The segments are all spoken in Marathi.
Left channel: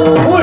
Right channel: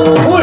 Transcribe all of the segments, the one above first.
Oh,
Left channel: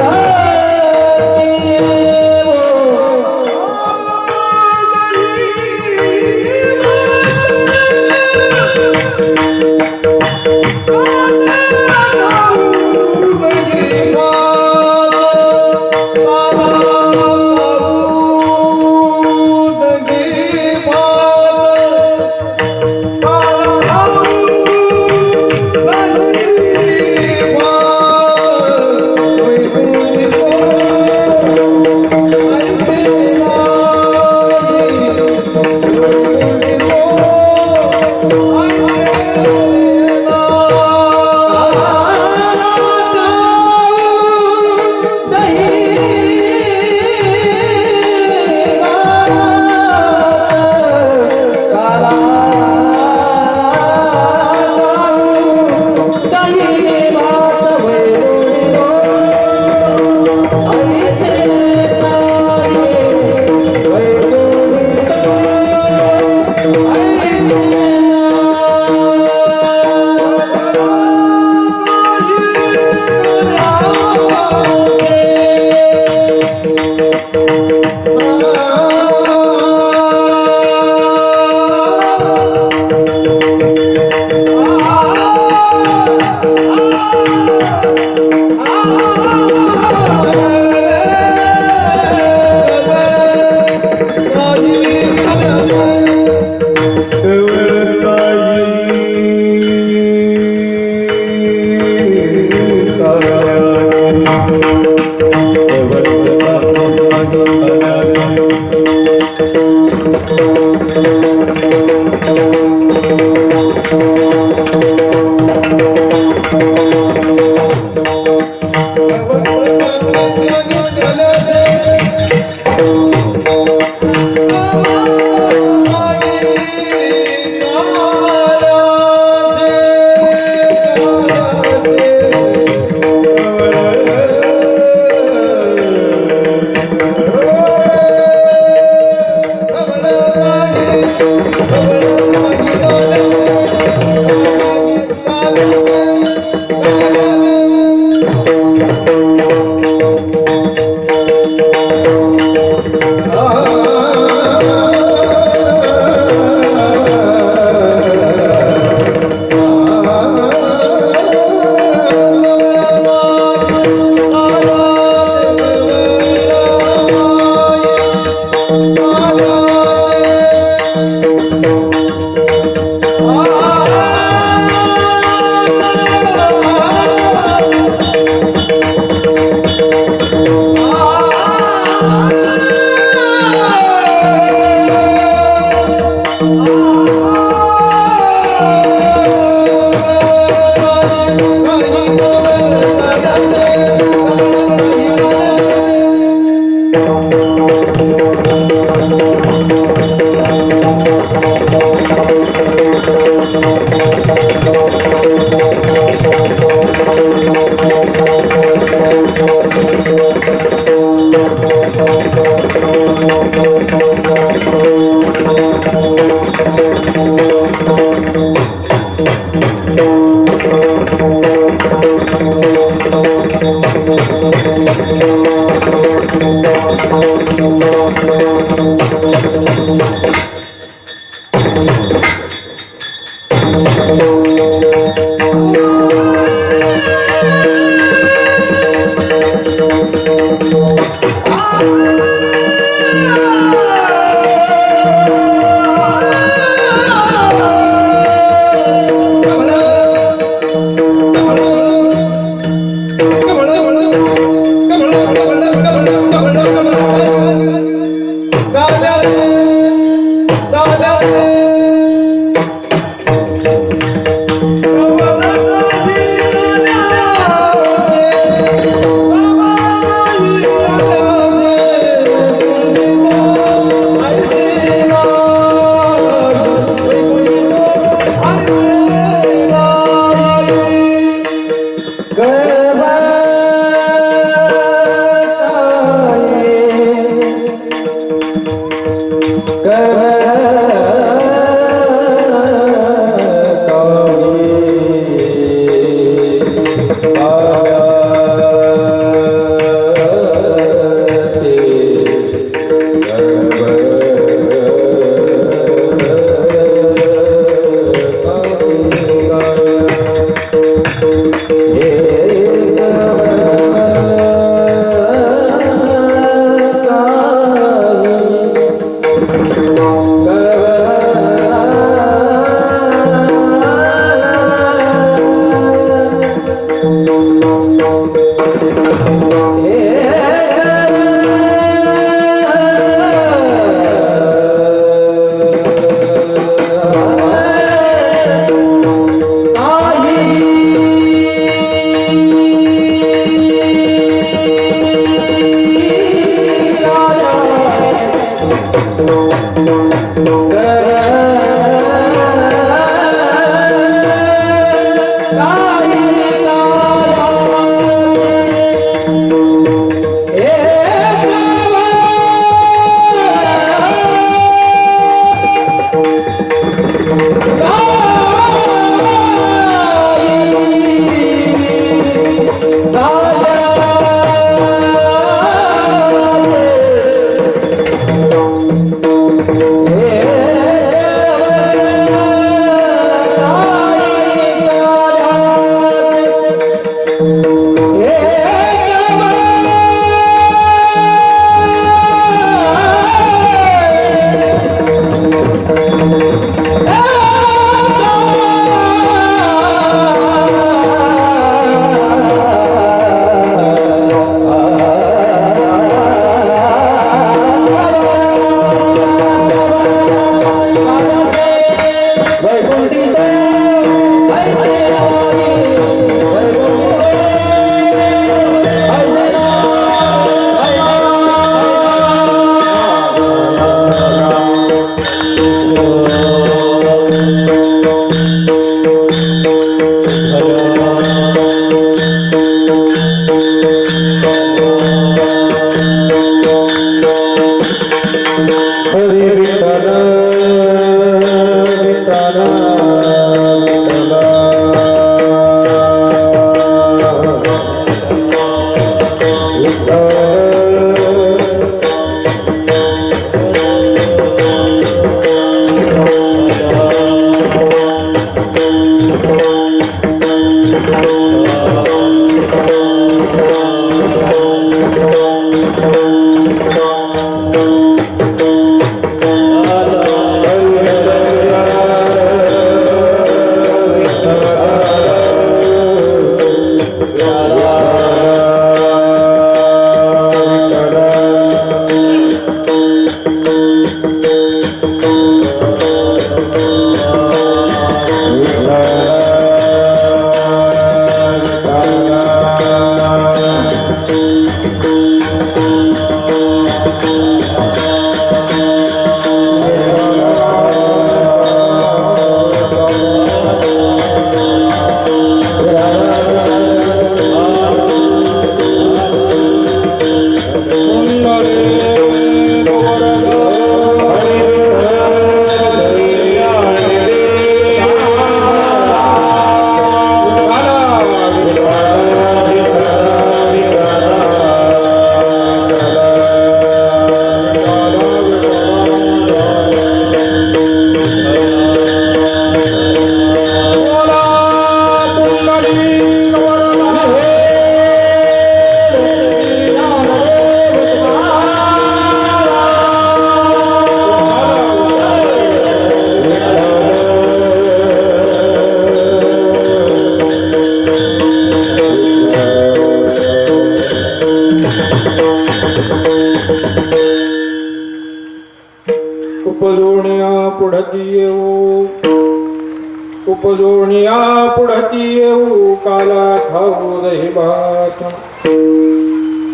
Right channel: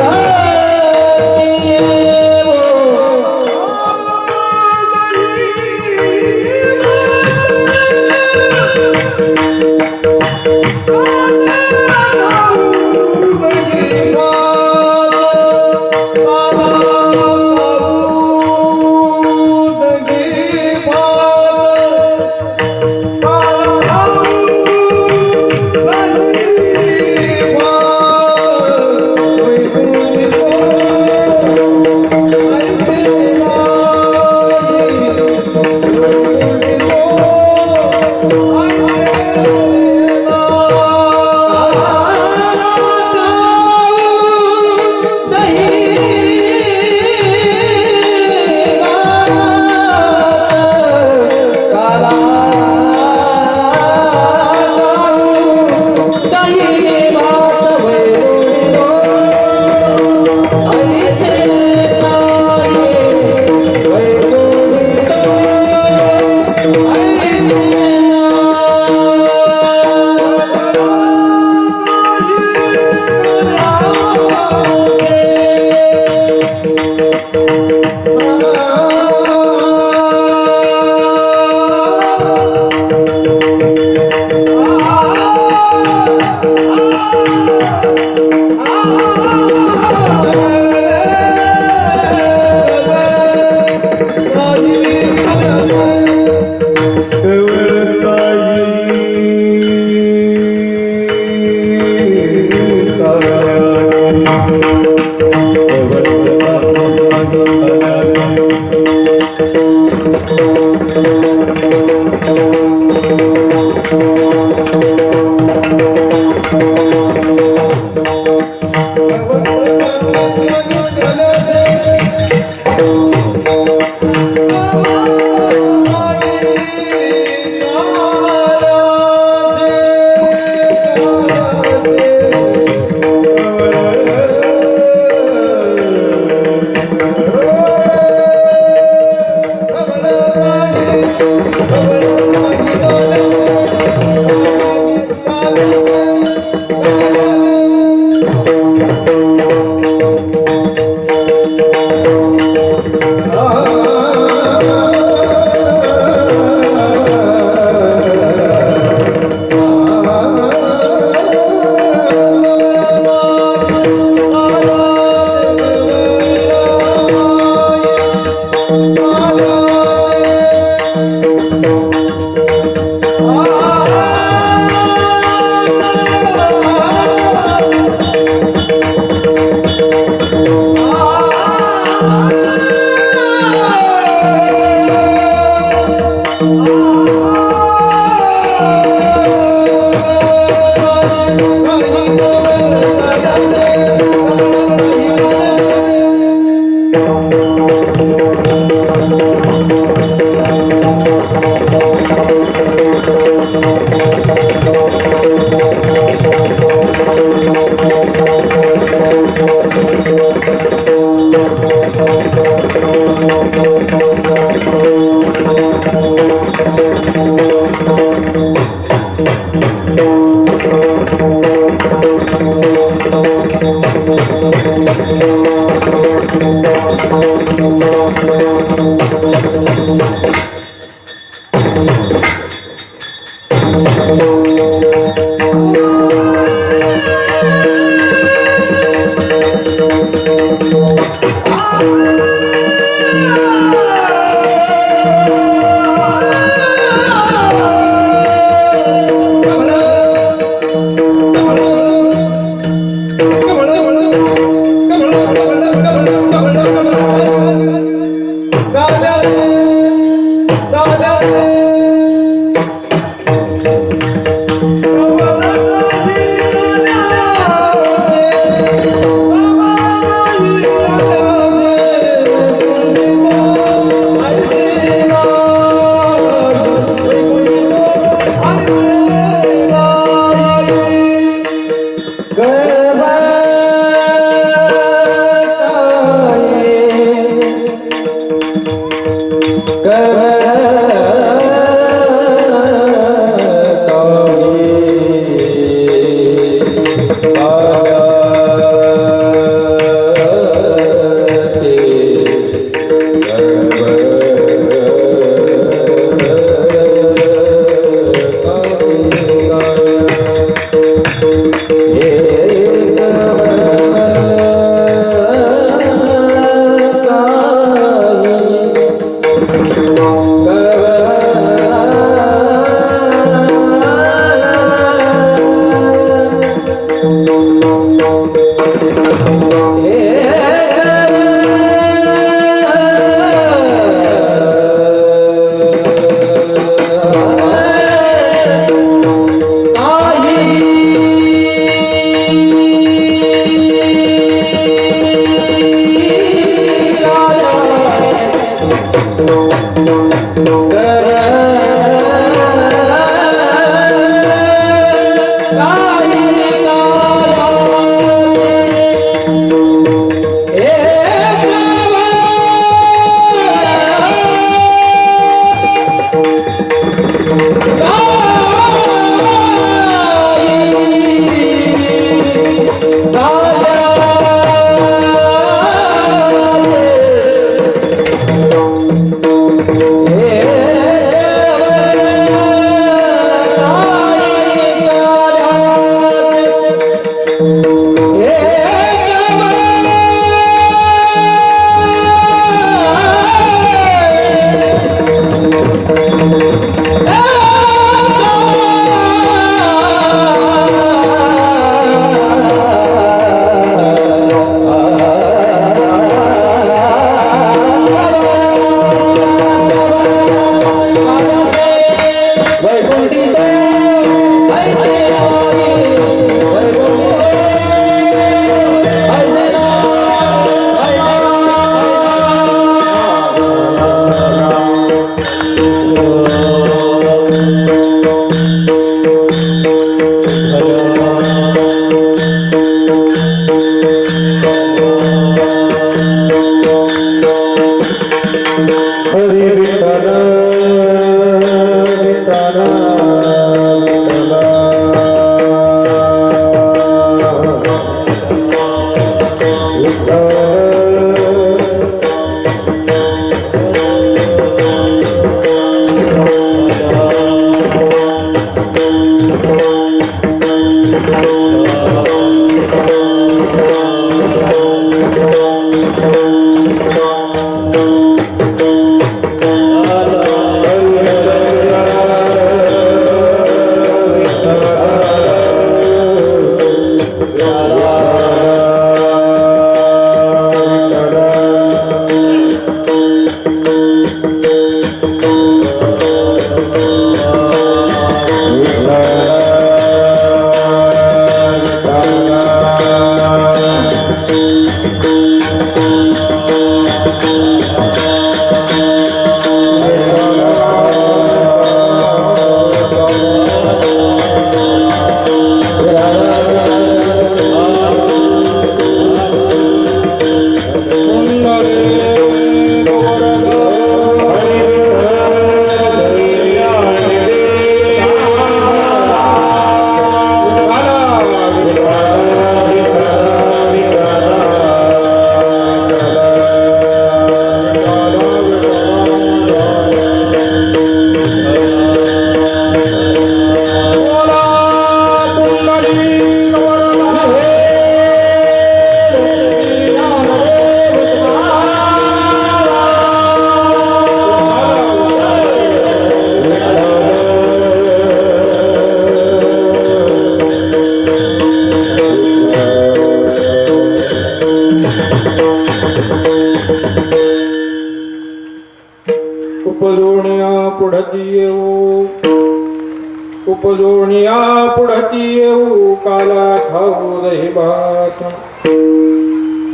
उपजोनिया पुढती येऊ काला खाऊ दही भात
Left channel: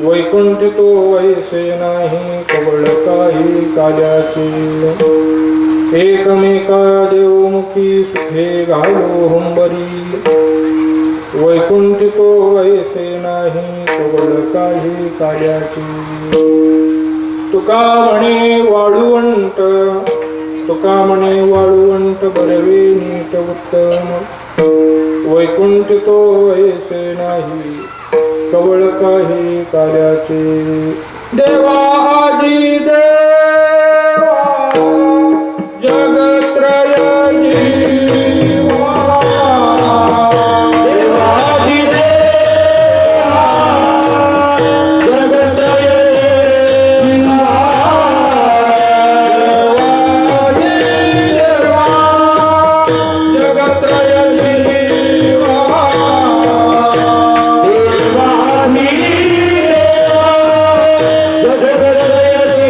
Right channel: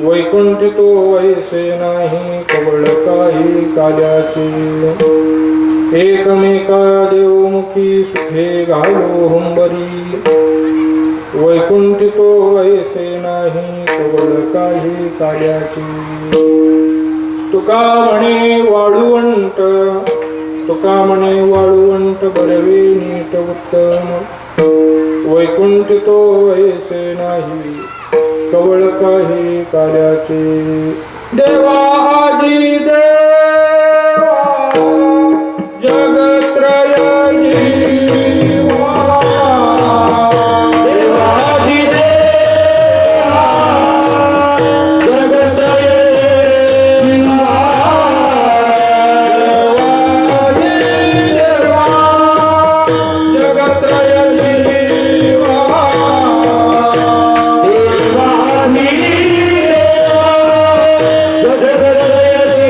वैकुंठ तो वैसे नाही कवळ काही काल्याची एकमेका देवमुखी सुखे घालो हुंबरी वैकुंठ तो वैसे नाही कवळ काही काल्याची तुका म्हणे वाळुवंट तुका म्हणे वाळुवंट बरवे नीट उत्तम वैकुंठ तो ऐसे नाही कवळ काही कार्याचे देवा आदी देवा जगत्रय जीवा देवा आदी देवा जगत्रय जगत्रय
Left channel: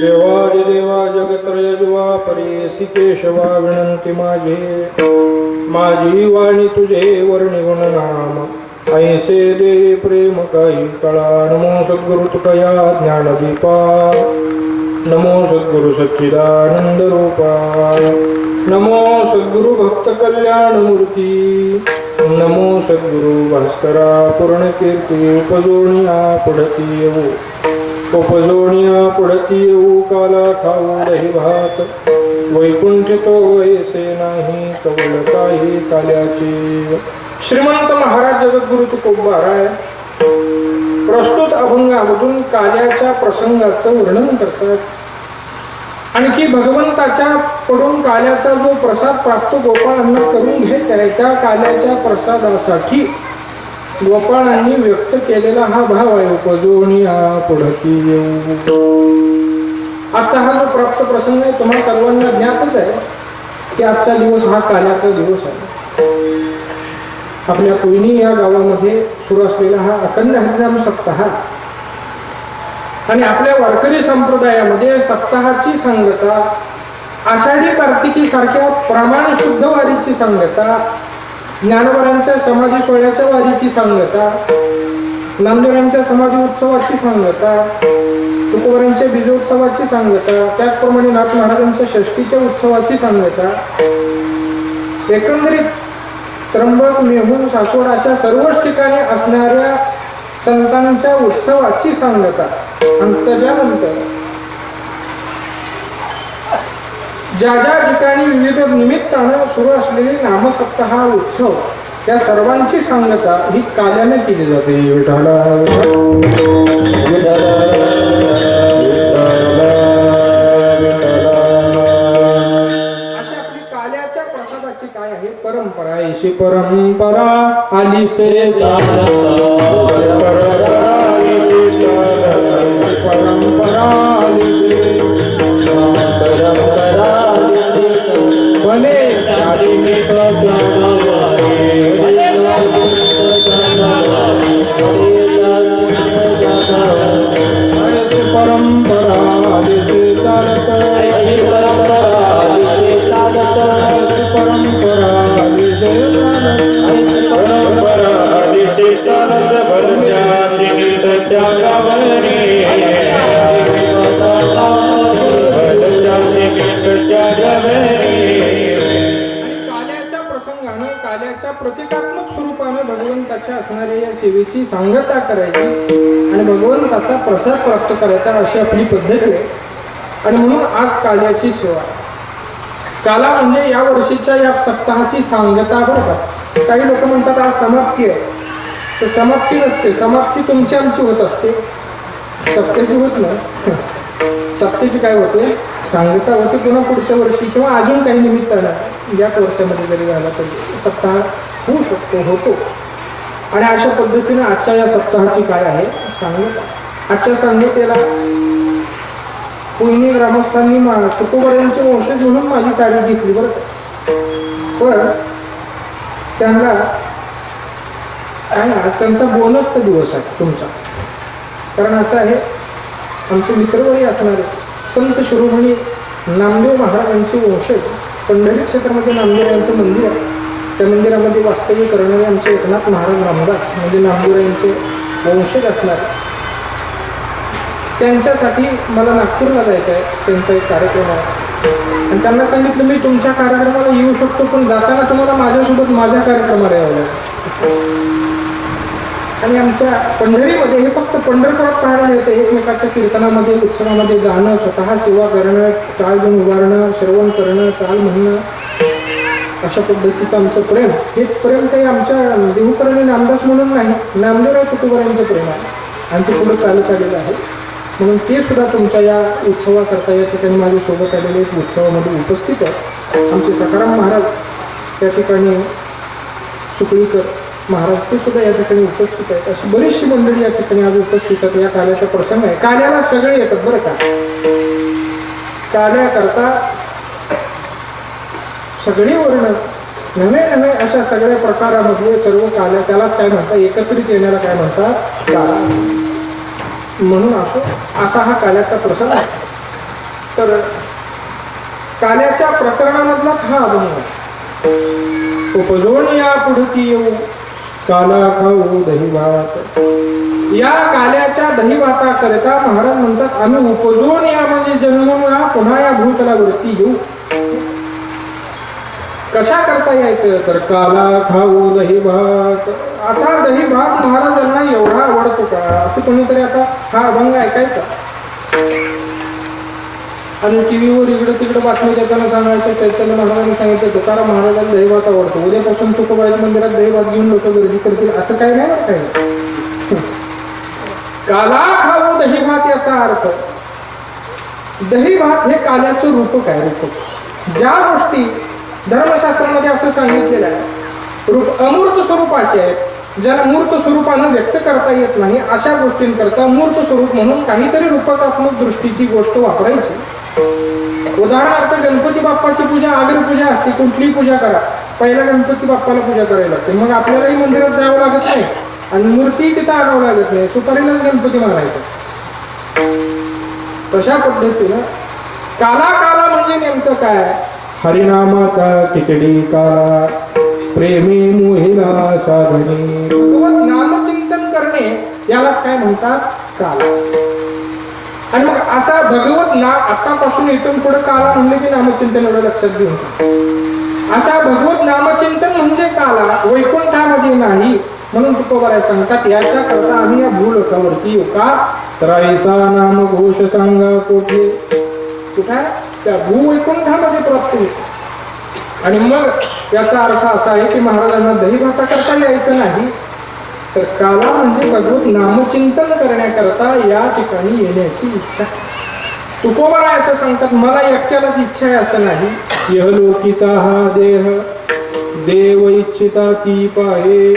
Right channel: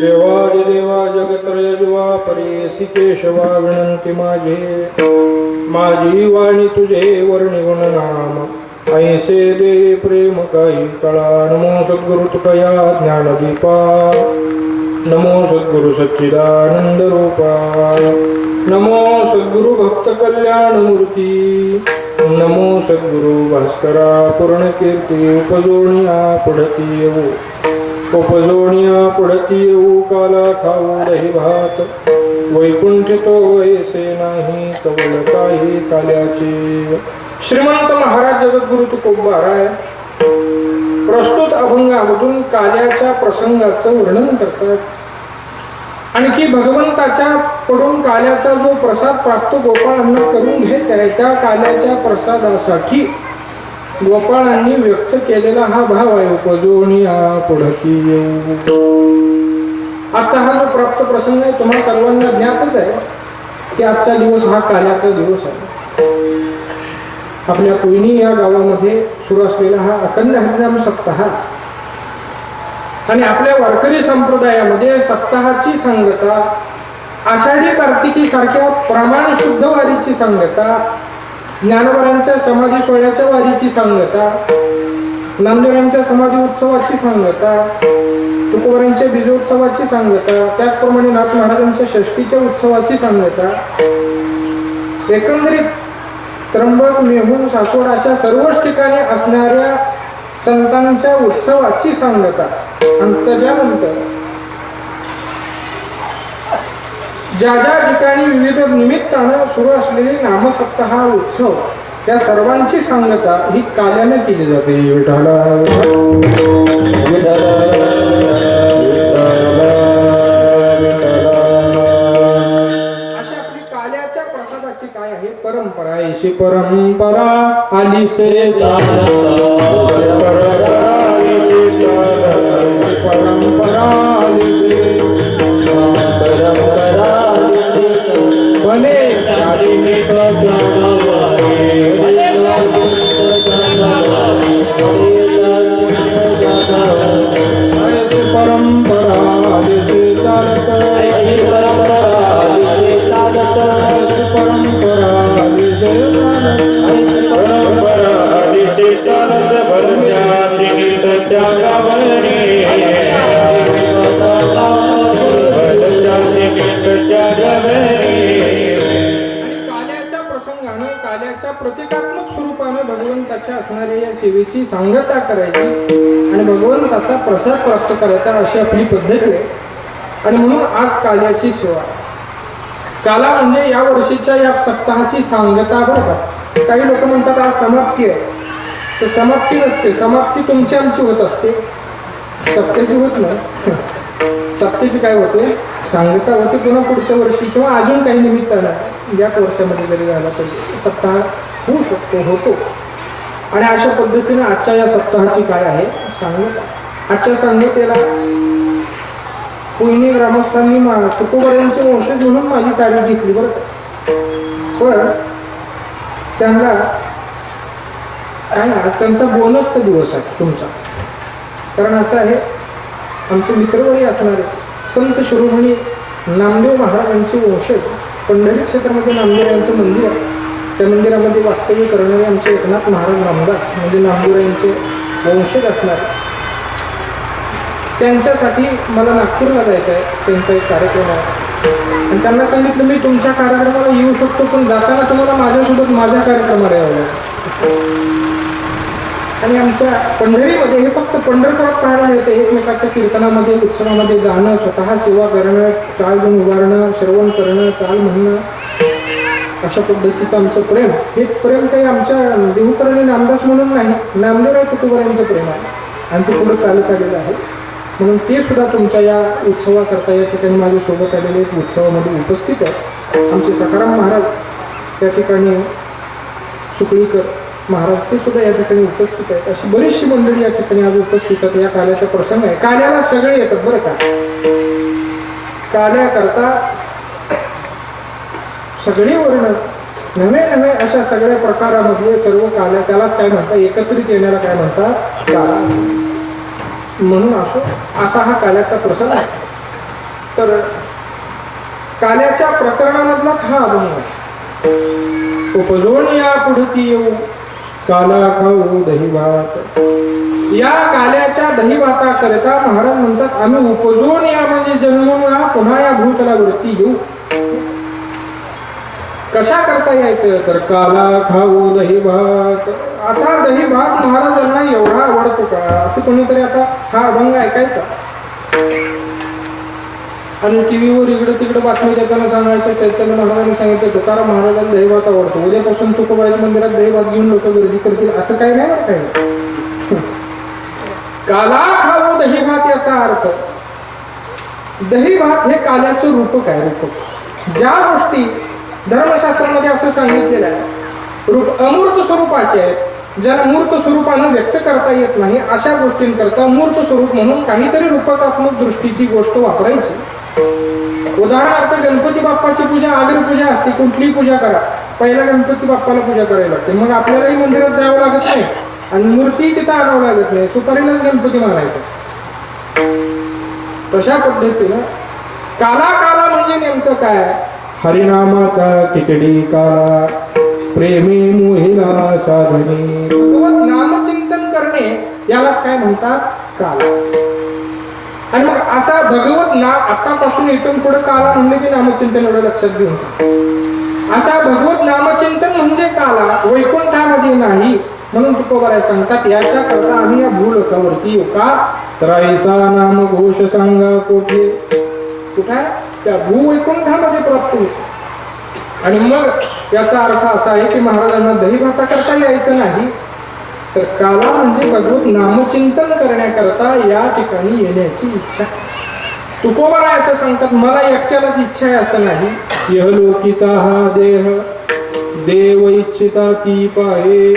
देवादिदेवा जगत्रय जुवा परेसी केशवा विनंती माझी वाणी तुझे वर्णी गुणनाम ऐसे दे प्रेम काही कळा नमो सद्गुरु तुकया ज्ञानदीपा नमो सद्गुरु सच्चिदानंद रूपाय नमो सद्गुरु भक्त कल्याण मूर्ती नमो सद्गुरु भास्करा पूर्ण कीर्ती उपजोनिया पडती येऊ काला खाऊ दही भात वैकुंठ तो ऐसे नाही कवळ काही काल्याची. श्रीमंत महाराज जगद्गुरु तुकोबाराय प्रस्तुत अभंगामधून काल्याच्या प्रसंगाचं वर्णन करतात. आणखी भगवंताच्या कडून काल्याचा जो प्रसाद प्राप्त गोपाळांना करून घ्यायचा आहे त्या काल्याच्या प्रसादासाठी गोपाळांनी व्यक्त केलेला हा भाव आहे. उपजोनिया पुढती येऊ. आजचा हा जो प्राप्त प्रसंग आहे तुम्हा सर्वांना ज्ञातच आहे की आजचा दिवस हा काल्याचा दिवस आहे. आपल्या कोयनी या गावामध्ये सुरू असलेला हा अखंड हरिनाम सप्ताह आणि आपल्या वारकरी संप्रदायामध्ये सप्ताहाची सांगता आषाढी कार्तिकी सारख्या प्रमाण शुद्ध वारीची सांगता ज्ञानवरांच्या समाधी सोहळ्याच्या वारीची सांगता नामदेवांच्या समाधी उत्सवाची सांगता तुकोबारांच्या बीजोत्सवाची सांगता त्याचप्रमाणे नाथ महाराजांच्या षष्टीच्या उत्सवाची सांगता एकंदरीत त्र्यंबक मेहून सासवड अशा सर्वच ठिकाणी असणाऱ्या संतांच्या उत्सवाची सांगता आणि त्याच्यानंतर ज्या ज्या ठिकाणी विविध निमित्तानं सुरू असलेले नामसप्ताह उत्सव त्या सर्वांची सांगता ही काल्याने केली जाते. विठ्ठला अशा आपली काल्याच्या प्रसादाची काय आहे परंपरा. ऐशी परंपरा आली से परंपरा भले प्रतिकात्मक स्वरूपाने भगवंताच्या असणाऱ्या या सेवेची सांगता करायची आणि भगवंताचा प्रसाद प्राप्त करायचा अशी आपली पद्धत आहे. आणि म्हणून आज काल्याची सेवा काला म्हणजे या वर्षीच्या या सप्ताहाची सांगता बरं का. काही लोक म्हणतात आज समाप्ती आहे तर समाप्ती नसते. समाप्ती तुमची आमची होत असते सप्त्याची होत नाही. सप्त्याची काय होते सांगता होते पुन्हा पुढच्या वर्षी किंवा अजून काही निमित्तानं याच वर्षामध्ये जरी झाला तरी सप्ताह होऊ शकतो होतो. आणि अशा पद्धतीने आजच्या या सप्ताहाची काय आहे सांगता. आजच्या सांगतेला कोयनी ग्रामस्थांनी तुकोबारांचे वंशज म्हणून माझी तारीख घेतली बरं. पण त्यांना काय त्यांचा बोनसचा दिवस आहे तुमचा. कारण असं आहे आमचे मित्रवळी असणारे संत शिरोमणी नामदेव महाराजांचे वंशज पंढरी क्षेत्रामध्ये नामदेव यांचं मंदिर आहे. त्या मंदिरामध्ये वास्तव्य करणारे आमचे एकनाथ महाराज रामदास म्हणजे नामदेव यांचे वंशज असणारे त्यांच्यासाठी मला नागपूरला जायचं आहे. त्यांचा एक कार्यक्रम आहे आणि त्यांना सांगितलं मी तुमच्या कार्यक्रमाला येऊ शकतो पण जाताना तुम्हाला माझ्यासोबत माझ्या कार्यक्रमाला यावं लागेल. आणि आमच्या पंढरीमध्ये हे फक्त पंढरपुरात पाहायला मिळते. एकमेकाच्या कीर्तनामध्ये उत्सवामध्ये जाणं स्वतः सेवा करणं चाल घेऊन उभारणं श्रवण करणं चाल म्हणणं अशा पद्धतीचं आमचं प्रेम. हे प्रेम काही आमच्या देहूकरणी नामदास म्हणून नाही नामदेव तुकोबारांचं प्रेम आहे आणि ते पुढे चालत आलेलं आहे. म्हणून ते सुद्धा तुमच्या या उत्सवाकरता या ठिकाणी माझ्यासोबत आलेले उत्सवामध्ये उपस्थित आहेत. आमचे सखाराम महाराज त्या ठिकाणी सुकळीकर महाराज ते सुद्धा या ठिकाणी उपस्थित आहेत. अशी बरीचशी मंडळी या ठिकाणी आज उपस्थित आहेत. या काल्याचा प्रसंग आहे. काल्याला सगळे येतात बरं का. काल्याकरता सगळे वर्ण नव्हे नव्हे अशा सगळ्या प्रकारामधले सर्व काल्या त्यालाच काय म्हणतात एकत्रित येण्याला काय म्हणतात काला. म्हणून असा हा काल्याचा प्रसंग आहे. तर काल्याच्या प्रकरणामधलाच हा अभंग आहे. उपजोन या पुढती येऊ काला खाऊ दही भात. या काल्याच्या दही भाता करता महाराज म्हणतात आम्ही उपजून या म्हणजे जन्मून या पुन्हा या भूतलावरती येऊ. कशा करता यायचं तर काला खाऊ दही भात. असा दही भात महाराजांना एवढा आवडतो का असं कोणीतरी आता हा अभंग ऐकायचा आणि टीव्हीवर इकडे तिकडे बातमी देताना सांगायचं चैतन्य महाराजांनी सांगितलं तुकाराम महाराजांना दही भात आवडतो, उद्यापासून तुकोबाच्या मंदिरात दही भात घेऊन लोक गर्दी करतील असं काही नाही बरं काही. काला खाऊ दही भात याचा अर्थ दही भात हे काल्याचं रूपक आहे. रूपक ज्या गोष्टी धर्मशास्त्रामध्ये असं सांगितलेलं आहे रूप अमूर्त स्वरूपाचे आहेत, ज्याला मूर्त स्वरूपानं व्यक्त करता येत नाही अशा गोष्टींकरता मूर्त स्वरूप म्हणून काहीतरी रूपकात्मक दृष्टीची गोष्ट वापरायची. उदाहरणार्थ गणपती बाप्पाची पूजा आग्र पूजा असते. कुठलीही पूजा करा पहिला गणपती बाप्पाला पूजा करायला लागते. मग आपल्यालाही मंदिरात जावं लागत नाही आणि मूर्ती तिथं आणावं लागत नाही. सुपारीलाच गणपती मानायचा. तशा पद्धतीनं काला काला म्हणजे नेमकं काय हरिनामाचा खिचडी काला प्रेमी मोहिला साधने. भगवत नामचिंतन करणे यालाच काय म्हणतात काला. आणि मग असा भगवत नाम आतापासून इथून पुढे काला म्हणले की नामचिंतन एवढं लक्षात घेऊन असा भगवत नामचिंतन म्हणजे काला वैकुंठामध्ये नाही म्हणून तुकोबाराय सांगतात याच्या करता आम्ही या भूलोकावरती येऊ का तर ऐसा नाम घोष सांगा कोठे कुठे त्या भूवैकुंठामध्ये प्राप्त होईल. आणि मग याचा अर्थ असा आहे की महाराजांना दही भाता करता यायचं नाही तर काला म्हणजे भगवत नामचिंतन करण्याकरता या ठिकाणी येण्याची इच्छा. तुकोबाराय असं सांगतात मला एकट्यालाच इच्छा आहे असं नाही. यहलोकीचा हा देह देव इच्छिता ती पाहे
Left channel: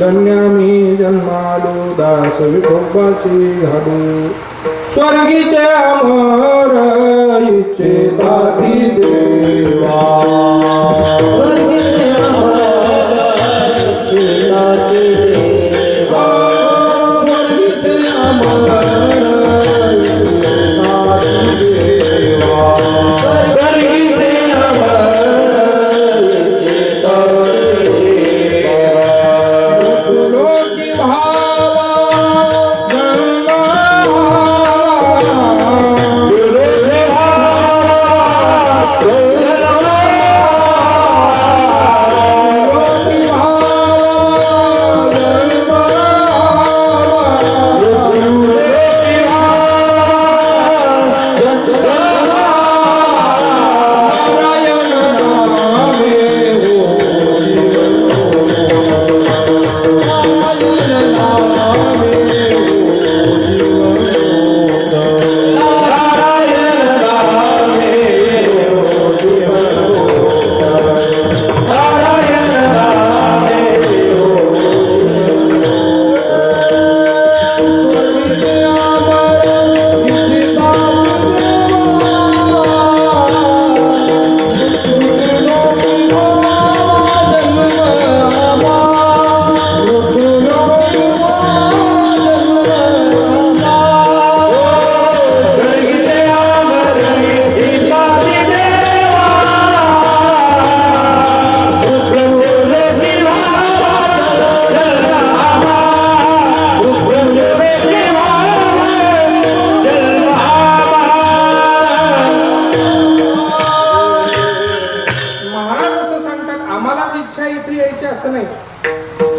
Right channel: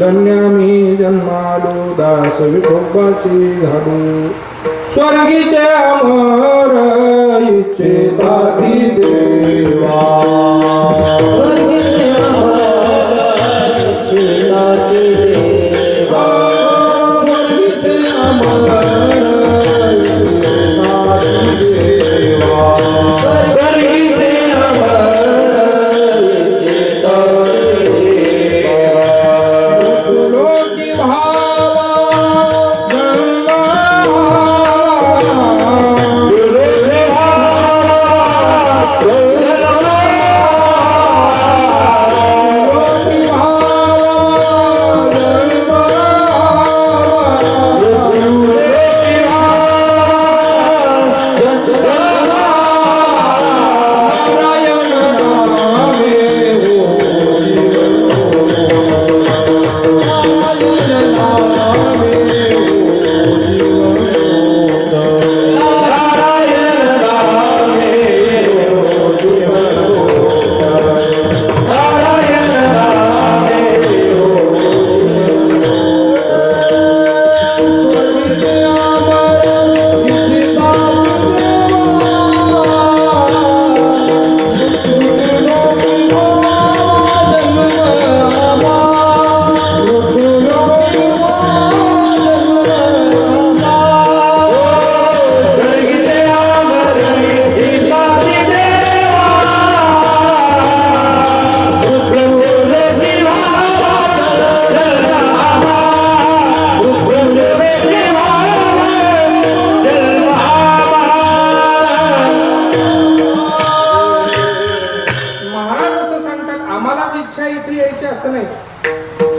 धन्या मी जन्मालो दास विठोबाची घालू. स्वर्गीचे अमर इच्छिता ती देवा स्वर्गीचे अमर इच्छिता ती देवा स्वर्गीचे अमर इच्छिता ती देवा स्वर्गीचे अमर इच्छिता ती देवा. लोकी भावा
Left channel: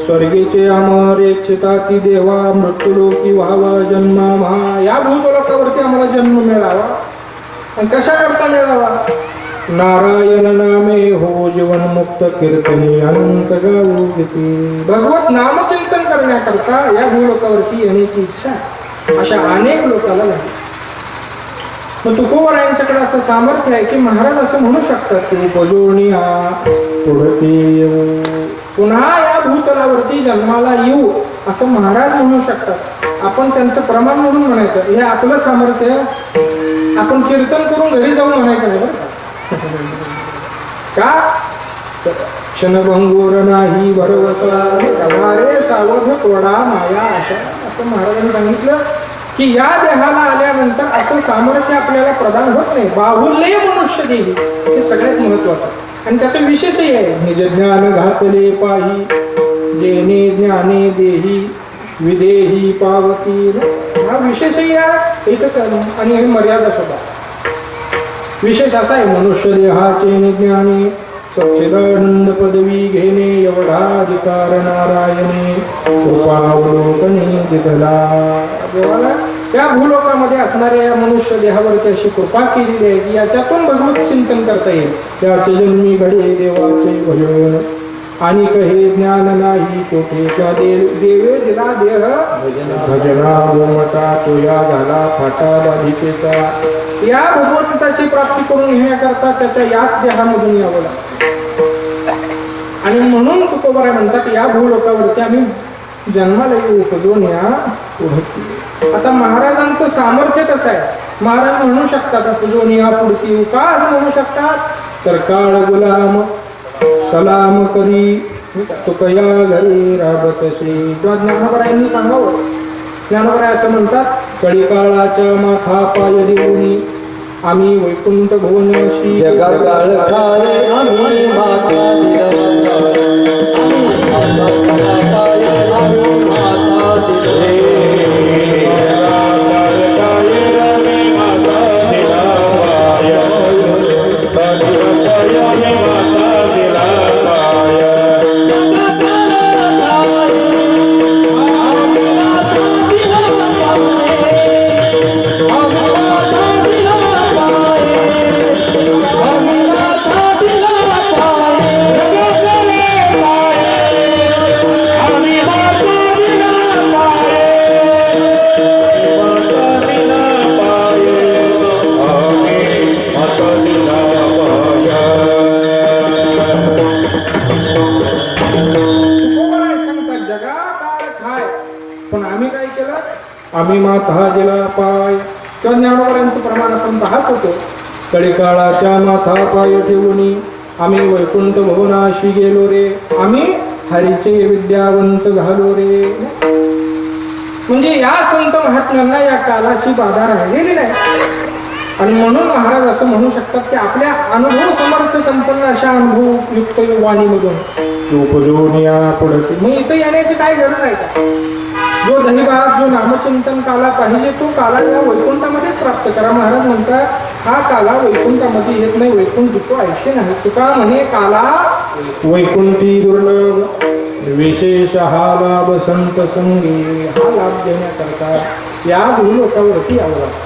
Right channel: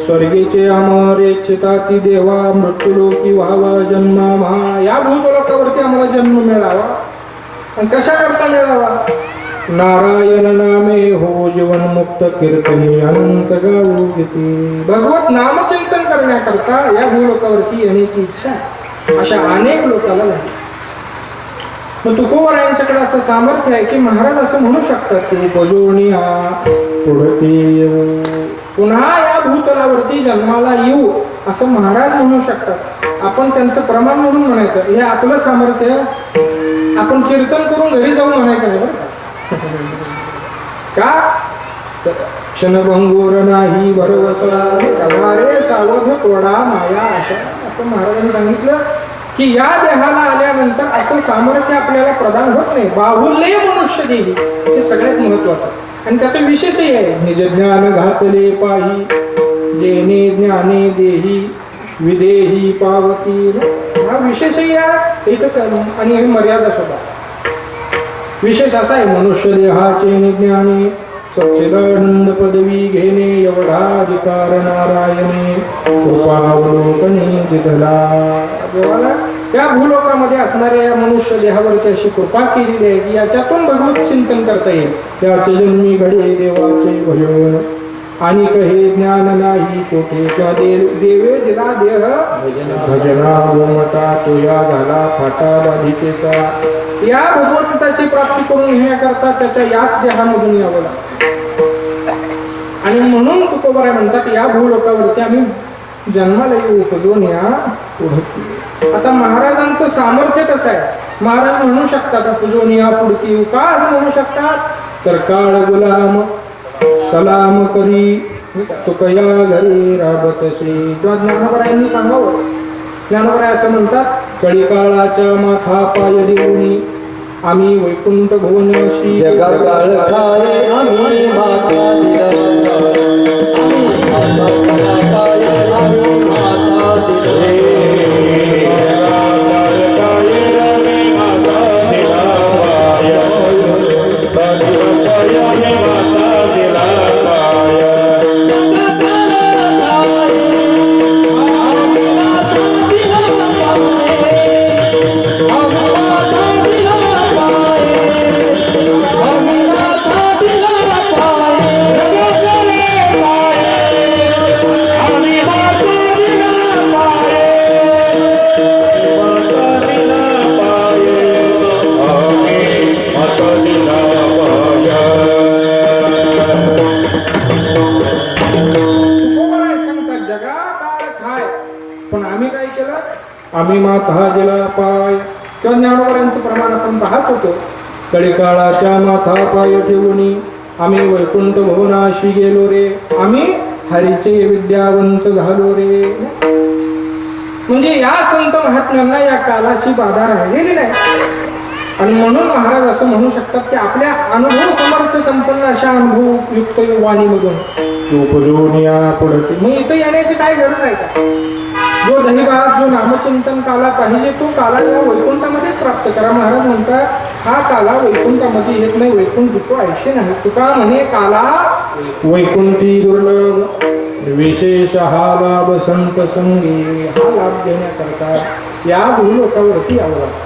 स्वर्गीचे अमर इच्छिता ती देवा मृत्यूलोकी व्हावा जन्मा महा. या भूतलोकावरती आम्हाला जन्म मिळावा. आणि कशा करता मिळावा नारायण नामे हो जीवन मुक्त कीर्तनी अनंत गाऊ किती. भगवत नामचिंतन करण्याकरता या भूलोकावरती येण्याची इच्छा अशा अनेक लोकांना नाही. मग तुकोबारायांच्याकडे असं सामर्थ्य आहे की महाराज असं म्हणू शकतात की उपजोनिया पुढती येऊ पुन्हा या भूतलावरती जन्माला येऊ असं महाराज म्हणू शकतात. आपण त्यांचं प्रमाण म्हणून म्हणायचं हे आपलं सामर्थ्य. आपण कीर्तन करून घरी जाऊन म्हणायचं नाही बरं का क्षणभंगूर नाही भरवसा रे सावध तोडा माया आशा असं महाराजांनी सांगितलं. की या देहाला आल्यानंतर असं सामर्थ्य आपल्याला प्रदान होत नाही. बाहुल्य मनुष्य देही हे सगळ्यात महत्वाचं आणि त्याचं विशेषही आहे. निज ज्ञान घातले पाही जेने ज्ञाने देही विदेही पावती. हा विशेषही आहे इथं आणि हे मर्यादा सुद्धा. विशेष असा आहे मनुष्य देहाचे ज्ञाने सच्चिदानंद पदवी घेणे एवढा अधिकार नारायणे कृपावलोकने दिधला. देवाला त्या भूलोकामध्ये असणाऱ्या या मनुष्य देहावरती अशी कृपा केलेली आहे की याच्यातून भगवत चिंतन करता येईल. त्याचे जन्मी घडे देवाचे भजन आणि कहे ज्ञान नाही कोठे त्या देवे दिला देह भजना गोमटा तो या झाला फाटा बाधिकेचा. या भगवंताची प्राप्ती करून घेण्याकरता त्याच्या याच देहामधून यावं लागतं. आणि म्हणून तुकोबाराय म्हणतात या भूलोकावरती आम्ही जन्माला येऊ उपजून या पुढे. आता महाराजांचं सामर्थ्य कसं आहे. महाराज म्हणू शकतात उपजून या पुढती का असं म्हणू शकतात तर काळ गुलाम सलाम करी तुकया घरी राबतशी. किंवा ज्ञानोबरायांनी सांगावं. ज्ञानोबराय असं म्हणतात कळी काळाच्या माथा पाय देऊनी आम्ही वैकुंठ भुवनाशी जगा काळ खाय आम्ही माता आम्ही माथा दिला पाय. किंवा ज्ञानोबरांचं प्रमाण आपण पाहत होतो. कळीकाळाच्या माथा पाय ठेवून आम्ही वैकुंठ भवनाशी गेलो रे आम्ही हरीचे विद्यावंत झालो रे. म्हणजे या संत महात्म्यांना या कालाची बाधा राहिलेली नाही. आणि म्हणून महाराज असं म्हणू शकतात की आपल्या अनुभव समर्थ संपन्न अशा अनुभव युक्त वाणीमधून उपजून या पुढे. मग इथं येण्याची काय गरज आहे का. जो दहिभात जो नामचिंतन काला पाहिजे तो काला या वैकुंठामध्येच प्राप्त करा. महाराज म्हणतात हा काला वैकुंठामध्ये येत नाही. वैकुंठ दुःख आयुष्य नाही. तुका म्हणे काला वैकुंठी दुर्लभ विशेष हा लाभ संत संगी. हा लाभ देण्याकरता या भूलोकावरती यावं लागतं.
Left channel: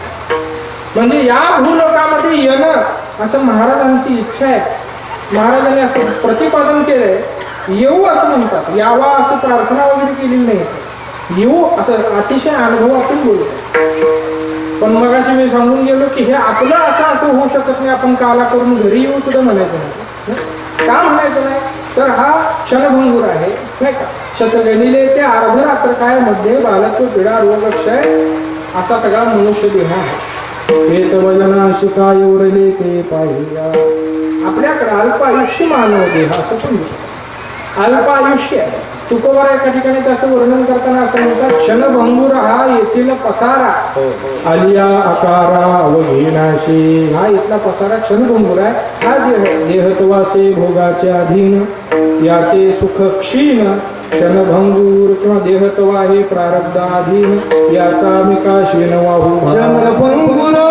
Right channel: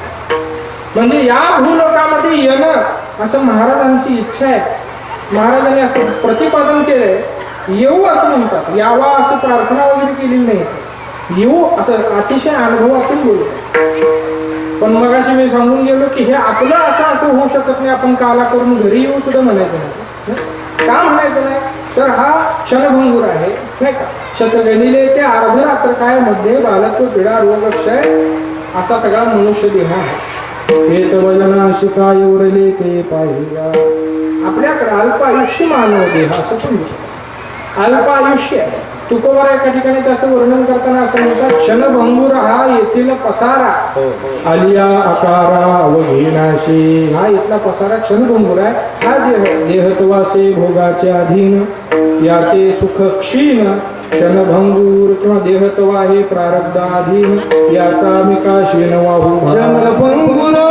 म्हणजे या भूलोकामध्ये येणं असं महाराजांची इच्छा आहे. महाराजांनी असं प्रतिपादन केलंय. येऊ असं म्हणतात. यावा असं प्रार्थना वगैरे केलेली नाही. येऊ असं अतिशय अनुभवातून बोलतो. पण मग अशी मी सांगून गेलो की हे आपलं असं होऊ शकत नाही. आपण काला करून घरी येऊ सुद्धा म्हणायचं नाही. का म्हणायचं नाही तर हा क्षणभंगूर आहे नाही का. शतगणिले ते अर्ध रात्र काय मध्ये बालत्व पीडा रोग क्षय असा सगळा मनुष्य देह आहे. वेत वजना शिकाय उरले ते पाहिजा. आपल्याकडे अल्प आयुष्य मानव देह असं पण अल्प आयुष्य आहे. तुकोबार एका ठिकाणी त्याचं वर्णन करताना असं म्हणतात क्षणभंगूर हा येथील पसारा आलिया आकारा अवघेनाशी. हा इथला पसारा क्षणभंगूर आहे. हा देहत्वासे भोगाचे अधीन याचे सुख क्षीण क्षणभंगूर किंवा देहत्वा हे प्रारब्धाधीन याचा मिकाशीन वाहू क्षणभंगूर.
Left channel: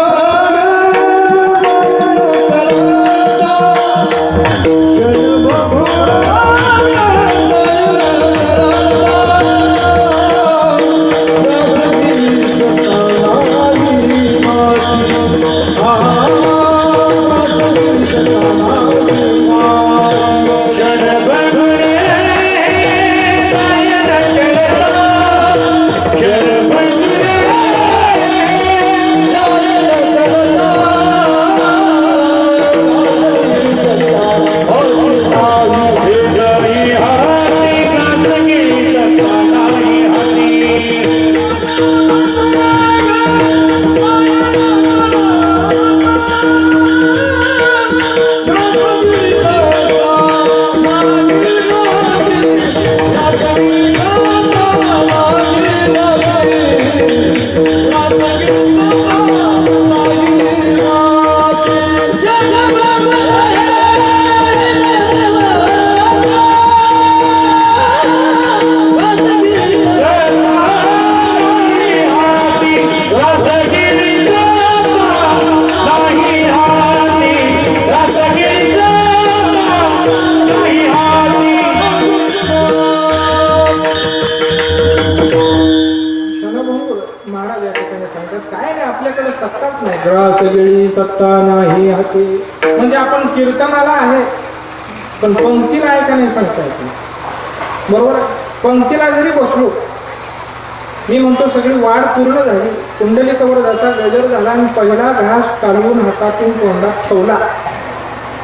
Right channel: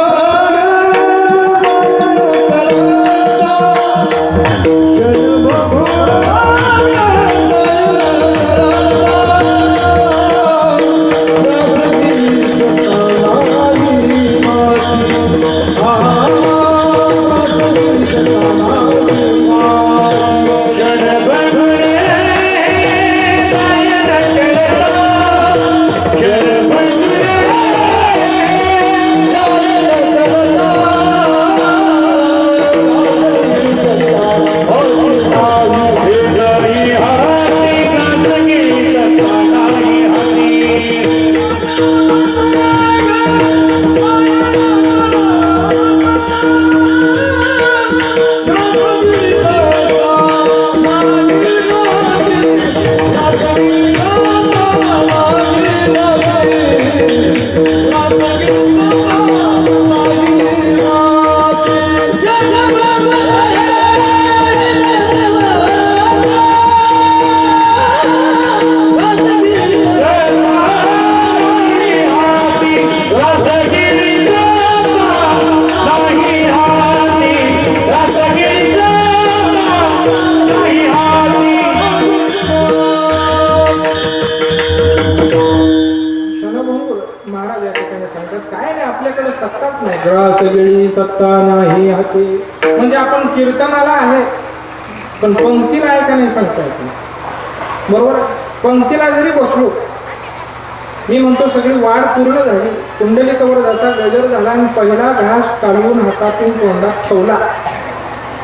आपल्याकडे सत्ताच नाही. ग्रास गेली सत्ता नाही हाती. म्हणजे आपण कीर्तनाला आहे पण पंक्तीला आहे का नाही सांगता येत नाही. बरोबर. पंक्तीला जरी बसलो, मी म्हणतो सगळी वाढ पूर्ण झाली, कुंडलिक वरदाचा गजर झाला आणि पहिला घास काढून हातातून तोंडात ठेवला,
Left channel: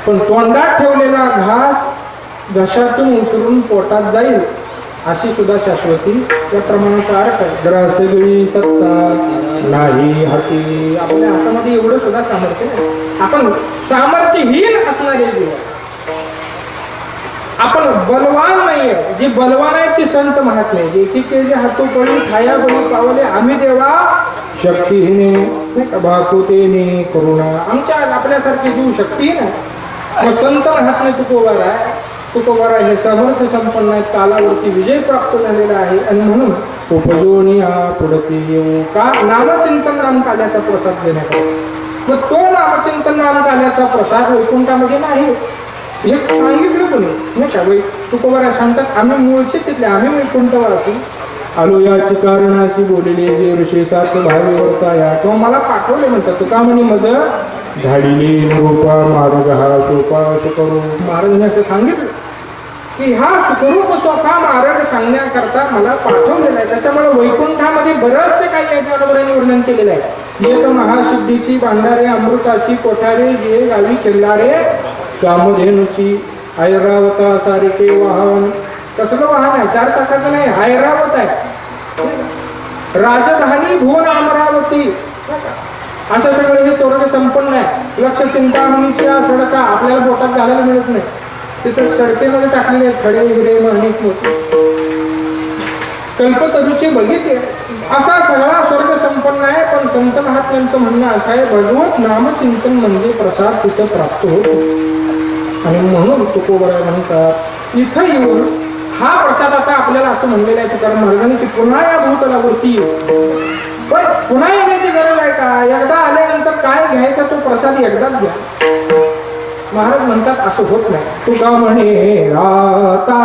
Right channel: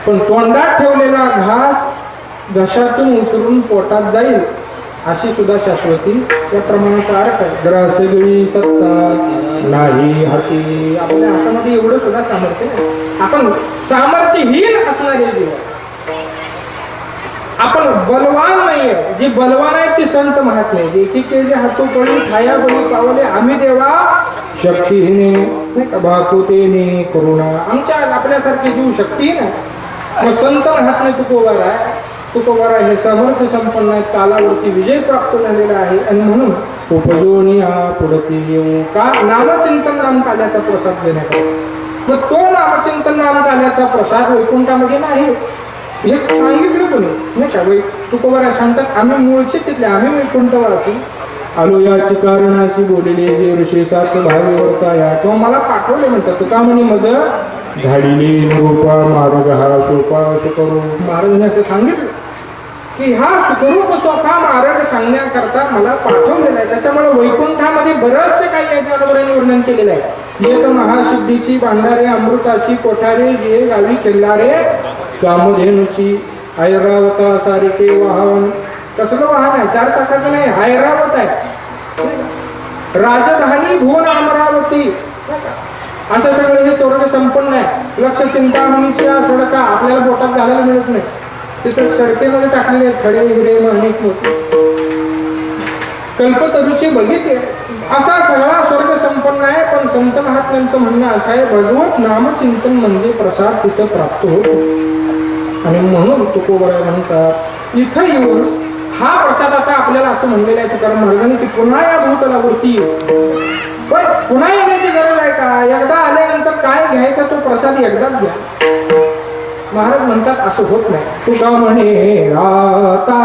पण तोंडात ठेवलेला घास घशातून उतरून पोटात जाईल अशी सुद्धा शाश्वती या प्रमाणाचा अर्थ आहे. ग्रास गेली सत्ता नाही हाती. आपल्या हातामध्ये एवढं सुद्धा सामर्थ्य नाही. आपण सामर्थ्यहीन असणारे जीव, आपण बलवान नाहीये. जे बलवान आहे ते संत महात्मे. एकेके हातोपडी खाया बळी पावले आम्ही देवा शक्तीहीने भाकुतेने करुणा. आमच्या आपल्यासारखे जीव शक्तीहीन आहे. मग संत महात्मे तुकोबारा आहे. तुकोबारा हे सामर्थ्य संपन्न आहेत. कालावरती विजय प्राप्त झालेला आहे आणि म्हणून उपजोनी हा पुढती येऊ का नामचिंतन नाम काल्याचा प्रसाद देण्यात आला. मग तो नामचिंतन नाम काल्याचा प्रसाद वैकुंठामध्ये नाही हे सांगितलं पण नाही का. तुकोबारा सांगतात आम्ही मूळचे तिथले, आम्ही वैकुंठवासी आलो याची कारणाशी बोलले जे ऋषी सात भावे वर्ताया. किंवा मला पाठवले म्हणतात तुका म्हणे मज झाडिले रूपा मार्ग हा सोपा सुकरू. महाराजांनी असं सांगितलं की हा सुखरूप सोपा मार्ग सांगण्याकरता मला पाठवलेला आहे. त्याच्यामुळे वैकुंठामध्ये बरेचसे काही याच्याबरोबर वर्णन केलेलं आहे. एक महासिद्धीची भांडारे अमृताची कोठारे जे गावी खेळणारे कामधेनुची ऐरावता सारिके वाहन. कसलं वाहन आहे? 4 चाकाचं नाही, ऐरावत आहे. राजधानी भुवन अमरावती असं सगळं हे स्वर्ग संपन्न आहे. लक्ष चिंतामणीची सडका आपल्याला पोटात घालायला मिळत नाही, तिथं सडकेमध्ये टाकलेले खडे हिरे माणिक मोती कल्पतरूचे बगीचे. असा सगळा स्वर्ग संपन्न आहे. पण संत महात्म्यांचं म्हणणं असं आहे भगवत नामचिंतन म्हणजे प्रसाद तिथं प्राप्त होतो. आणि म्हणून तुकोबारा म्हणतात इथं येऊन हा प्रसाद आता आपल्याला असं म्हणलेलं आहे तुकाराम महाराजांनी की पुन्हा या भूतलावरती येऊ. पण पुन्हा येण्याची गरज आहे का? एकदा आल्यानंतर काय घ्यायचा तो प्रसाद एकदाच घ्या. महाराज म्हणतात असं होत नाही. तुका म्हणे आता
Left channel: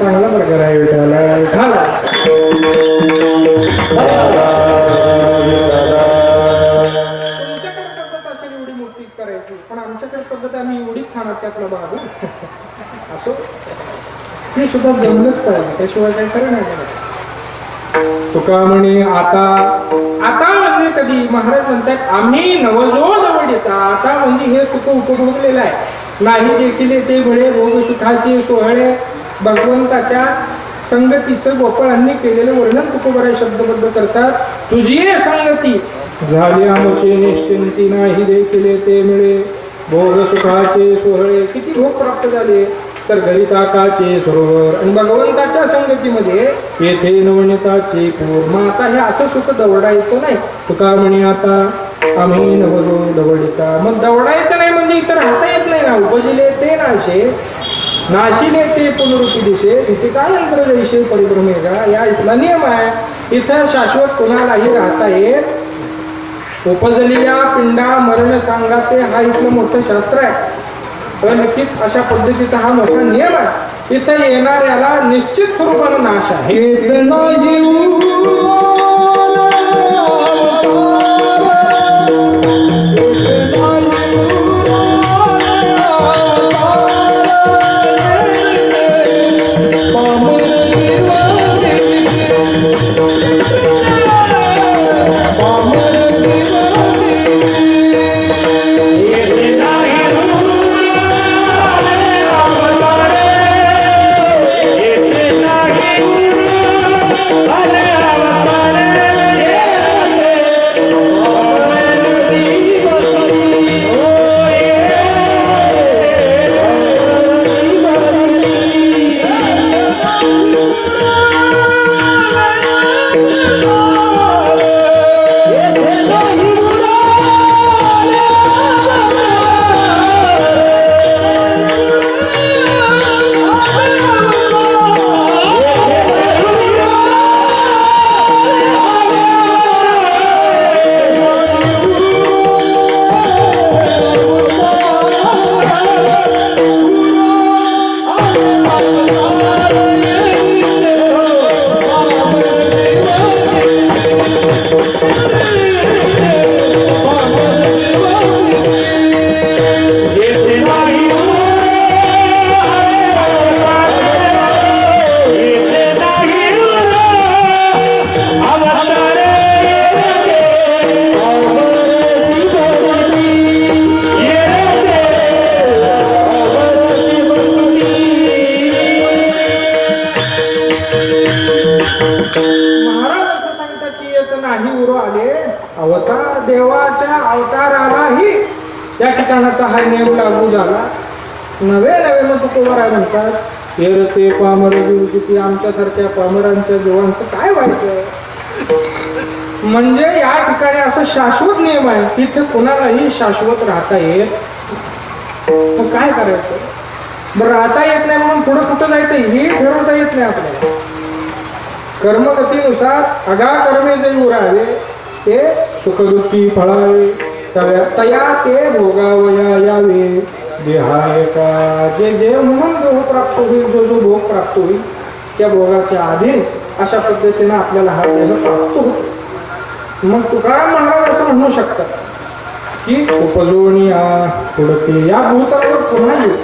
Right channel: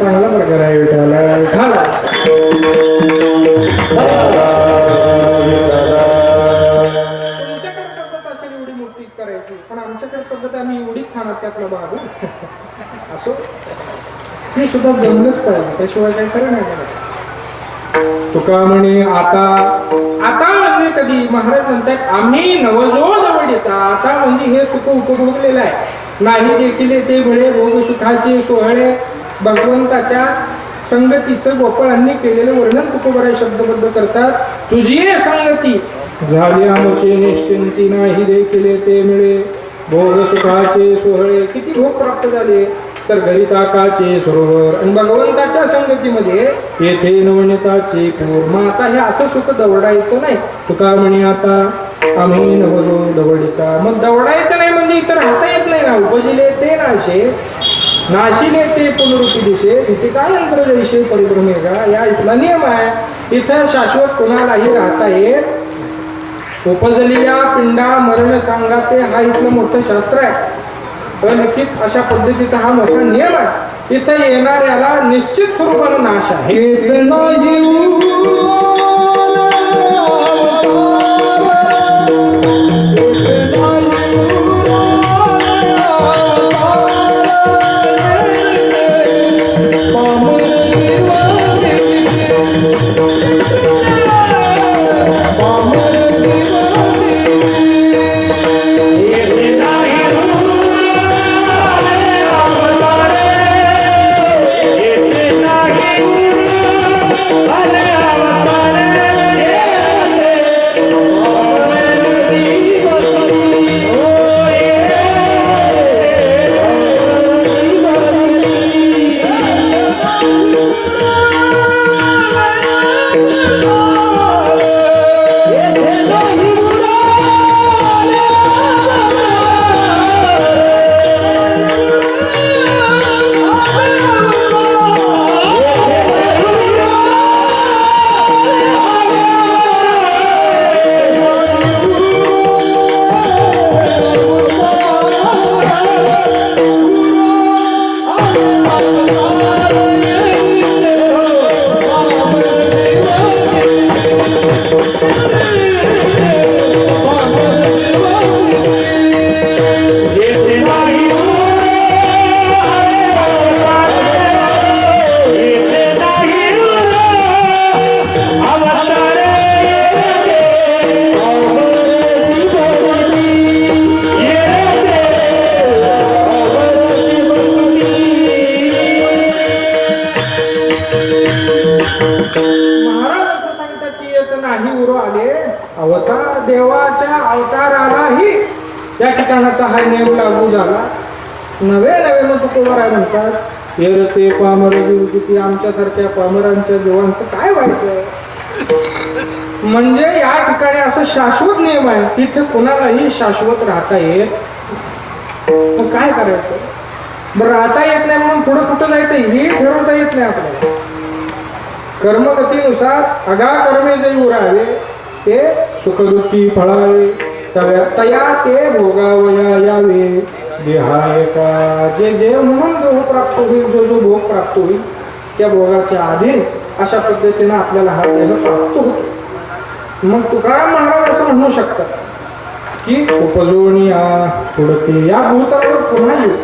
चांगला प्रकार आहे विठाला विठाला. तुमच्याकडे पद्धत असेल एवढी मोठी करायची, पण आमच्याकडे पद्धत आम्ही एवढीच खाणार त्यातला भाग असो. हे सुद्धा जमलंच पाहिजे, त्याशिवाय काही खरं नाही मला. तुका म्हणे आता आता म्हणजे कधी महाराज म्हणतात आम्ही नवजो जवळ येता. आता म्हणजे हे सुख उपभोगलेलं आहे. नाही देखील ते बळे भोग सुखाचे सोहळे भगवंताच्या संगतीचं गोपाळांनी केलेलं वर्णन तुकोबराय शब्दबद्ध करतात. तुझी संगती झाली आमचे निश्चिंती, नाही देखील ते मिळे भोग सुखाचे सोहळे. किती भोग प्राप्त झाले तर घरी ताकाचे सरोवर आणि भगवंताच्या संगतीमध्ये येथे नवनीताचे पूर. मग आता हे असं सुख दवडायचं नाही. तुका म्हणे आता आम्ही नवलो दवडिता. मग दवडायचं नाही म्हणजे इतर राहता येत नाही ना. उपजिले ते नाशे नाशिले ते पुनरुक्ती दिशे इथे का नंतर जैसे परिभ्रमेगा. या इथला नियम आहे. इथं शाश्वत कोणालाही राहता येत. उपजलेल्या पिंडा मरण सांगाते हा इथलं मोठं शास्त्र आहे. नक्कीच अशा पद्धतीचा हा मोठा नियम आहे. इथं येणाऱ्याला निश्चित स्वरूपानं नाश आहे. महाराज असं सांगतात की एक नाही उरो आले अवतार देवाच्या अवतारालाही त्या ठिकाणाचा हा नियम लागू झाला. नवे नवे मग तुकोबराय म्हणतात येर ते पामर किती आमच्यासारख्या पामरांच्या जीवांचं काय व्हायचं. म्हणजे या ठिकाणी असं शाश्वत नियम आहे. तिथे कोणालाही शाश्वत राहता येत. मग काय करायचं. बरं राहता येत नाही म्हणून पुढे कुठं जायचं हे ठरवता येत नाही आपल्याला. कर्मगतीनुसार अगा कर्मे जे उरावे ते सुखदुःखी फळावे तया ते भोगावया यावे देहाय का. जे जे म्हणून जो प्राप्त होईल जो जो भोग प्राप्त होईल त्या भोगाच्या अधीन अशा पद्धतीने आपल्याला हा देह प्राप्त होतो. मग तुकाराम महाराज असं म्हणू शकतात की उपजोनिया पुढते या भूतलावर पुन्हा येईल.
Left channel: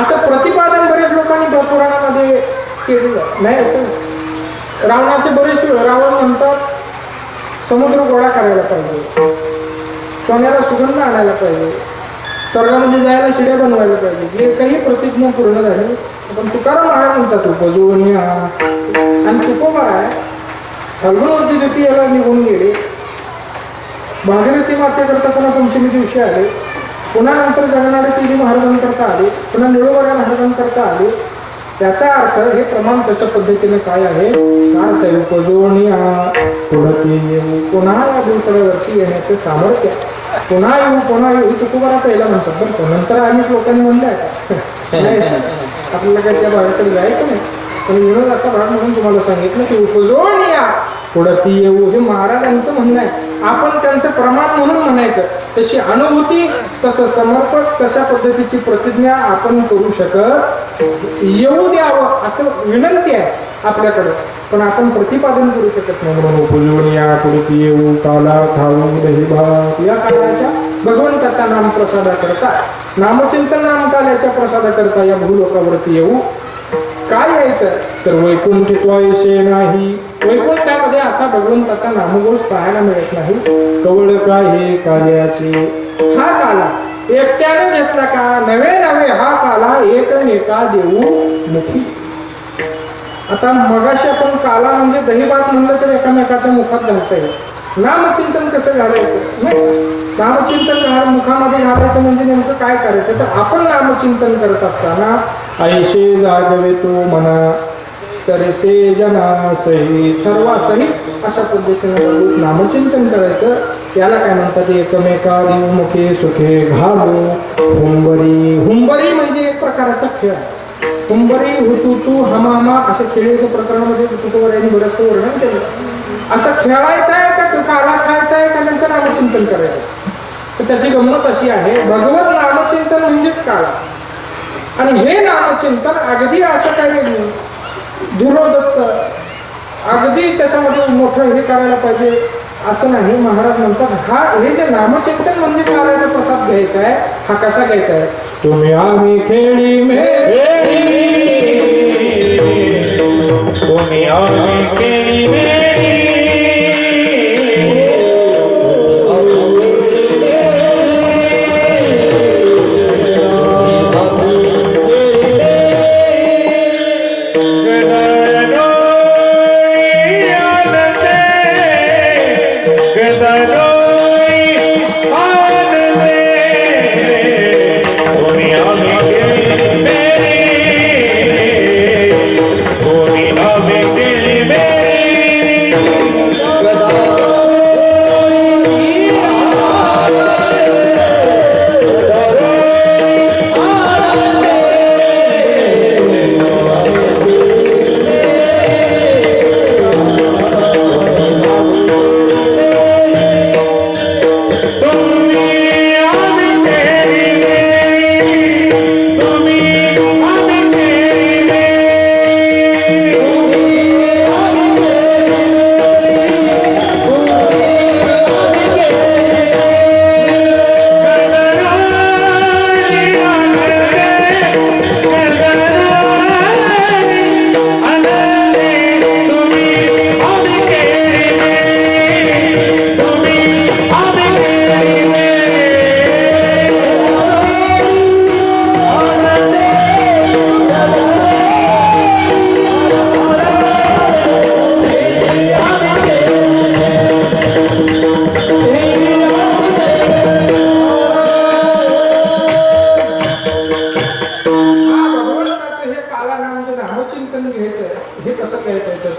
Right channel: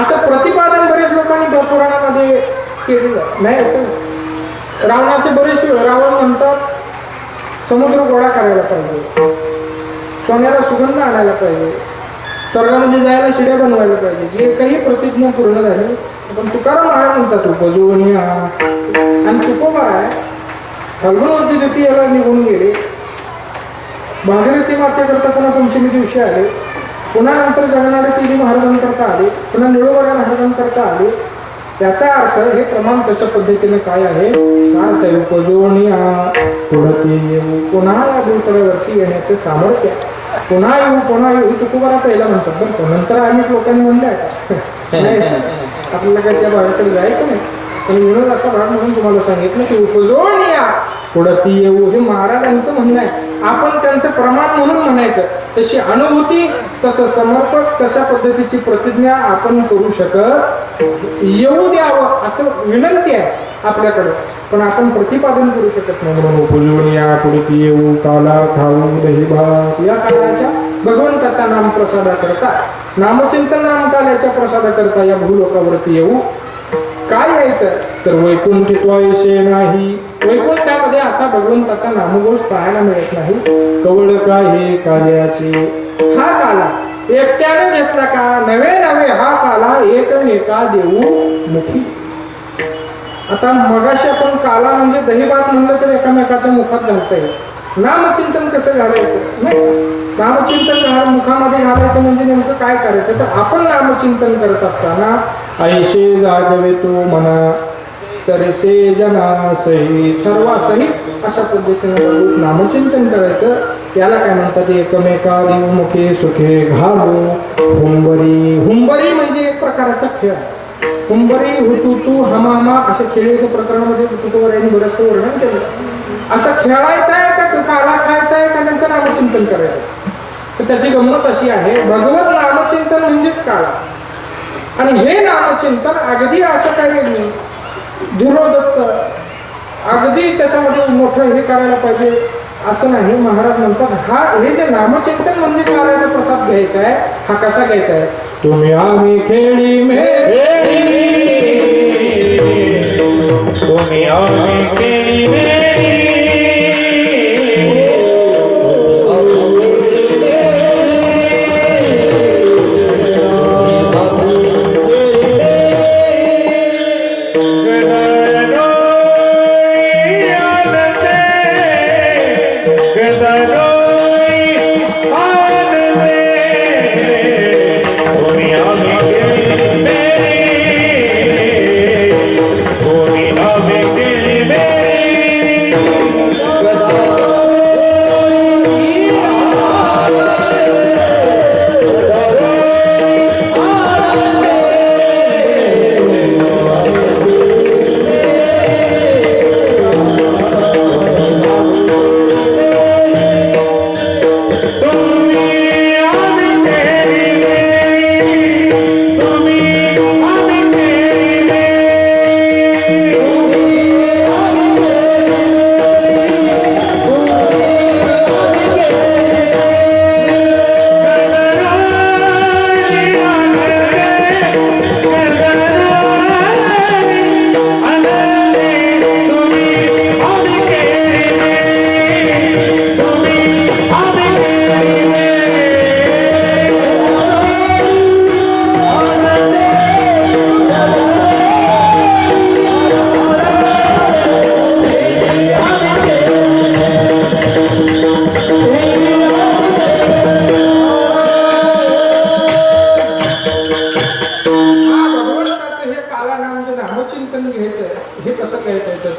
असं प्रतिपादन बरेच लोकांनी पुराणामध्ये केलेलं नाही. असं रावणाचे बरेच रावण म्हणतात समुद्र गोळा करायला पाहिजे, सोन्याला सुगंध आणायला पाहिजे, स्वर्गामध्ये जायला शिड्या बनवायला पाहिजे. जे काही प्रतिज्ञा पूर्ण झाली. पण तुकाराम महाराज म्हणतात उपजोनिया. आणि तुकोबराय फाल्गुनवती ज्योती याला निघून गेले. भागीरथी मातेकरता पुन्हा पंचमी दिवशी आले. पुन्हा नंतर जगनाडे तिरी महाराजांकरता आले. पुन्हा निळोबा महाराजांकरता आले. त्याचा अर्थ हे प्रमाण तशा पद्धतीने काय आहे सार्थ उपजोनिया पुढते येऊ. पुन्हा या भूतलावरती येण्याचे सामर्थ्य. पुन्हा येऊ तुकोबरा पहिला म्हणतात. बरं नंतर अनेक लोकांनी म्हणलंय का आपल्याला काय त्या भागाकडे जायचं नाही. पण विनोदाचा भाग म्हणून तुम्हाला सांगितलं की उपजोनिया पुढती येऊ हे महाराजांचं म्हणणं आहे. आपण त्यांचं प्रमाण म्हणून म्हणायचं, तशी अनुभूती, तसं समर्पक, तशा पद्धतीची प्रतिज्ञा आपण करू शकत येऊ द्यावं असं विनंती आहे आपल्याकडे, पण आपण प्रतिपादन करू शकत नाही. म्हणून उपजीवन या पुढे येऊ काला खाऊ दही भात या काळाच्या भगवंताचा नाम प्रसादा करता, नामचिंतन नाम काल्याच्या प्रसादा करता या भूलोकावरती येऊ. काय यायचं तर वैकुंठित्वायशे नाही, वैकुंठामध्ये असा भगवंताचा नामघोष पाहायला मिळत नाही. कवळ काही काल्याची, हा काला एकट्याने घेतला का, नवे नवे हा काला एकमेका देऊ मुखी. आता मगाशी आपण काला म्हणजे दहीभात म्हणलं तर एकामेकाच्या मुखात घालता येईल. नामचिंतन कसं घालायचं नाही, नामचिंतन मुखामध्ये घालायचं म्हणजे नेमकं काय करायचं तर आपण नामचिंतन करत असताना ऐशे जागवे तो मना सरसे जना सहित, सर्वासहित अशा पद्धतीने नामचिंतन करायचं. याला काय म्हणतात एकमेका मुखे सुखे घालो हुंबरी. हुंबरी म्हणजे एक प्रकारचा खेळ. हुंबरी हुतुतू हमामा अशा खेळीच्या प्रकरणामध्ये तुकोबारायांनी बरंचसं वर्णन केलं. असं खेळायचं आहे का काला खायचा आहे का नेमकं नामचिंतन करायचं. तर त्याची गंमत अशी आहे, भगवत नामचिंतन म्हणजेच काला. आणि हे नामचिंतन अगदी असं काही धुरोदत्त अगदी त्याच्यामध्ये मोठं हे करायला पाहिजे असं नाही. महाराज म्हणतात हा हे जे नामचिंतन म्हणजे कालाचा प्रसाद घ्यायचा आहे, हा कसा घ्यायचा आहे. तुम्ही आम्ही खेळी मेळी, तुम्ही आम्ही केली मेळी,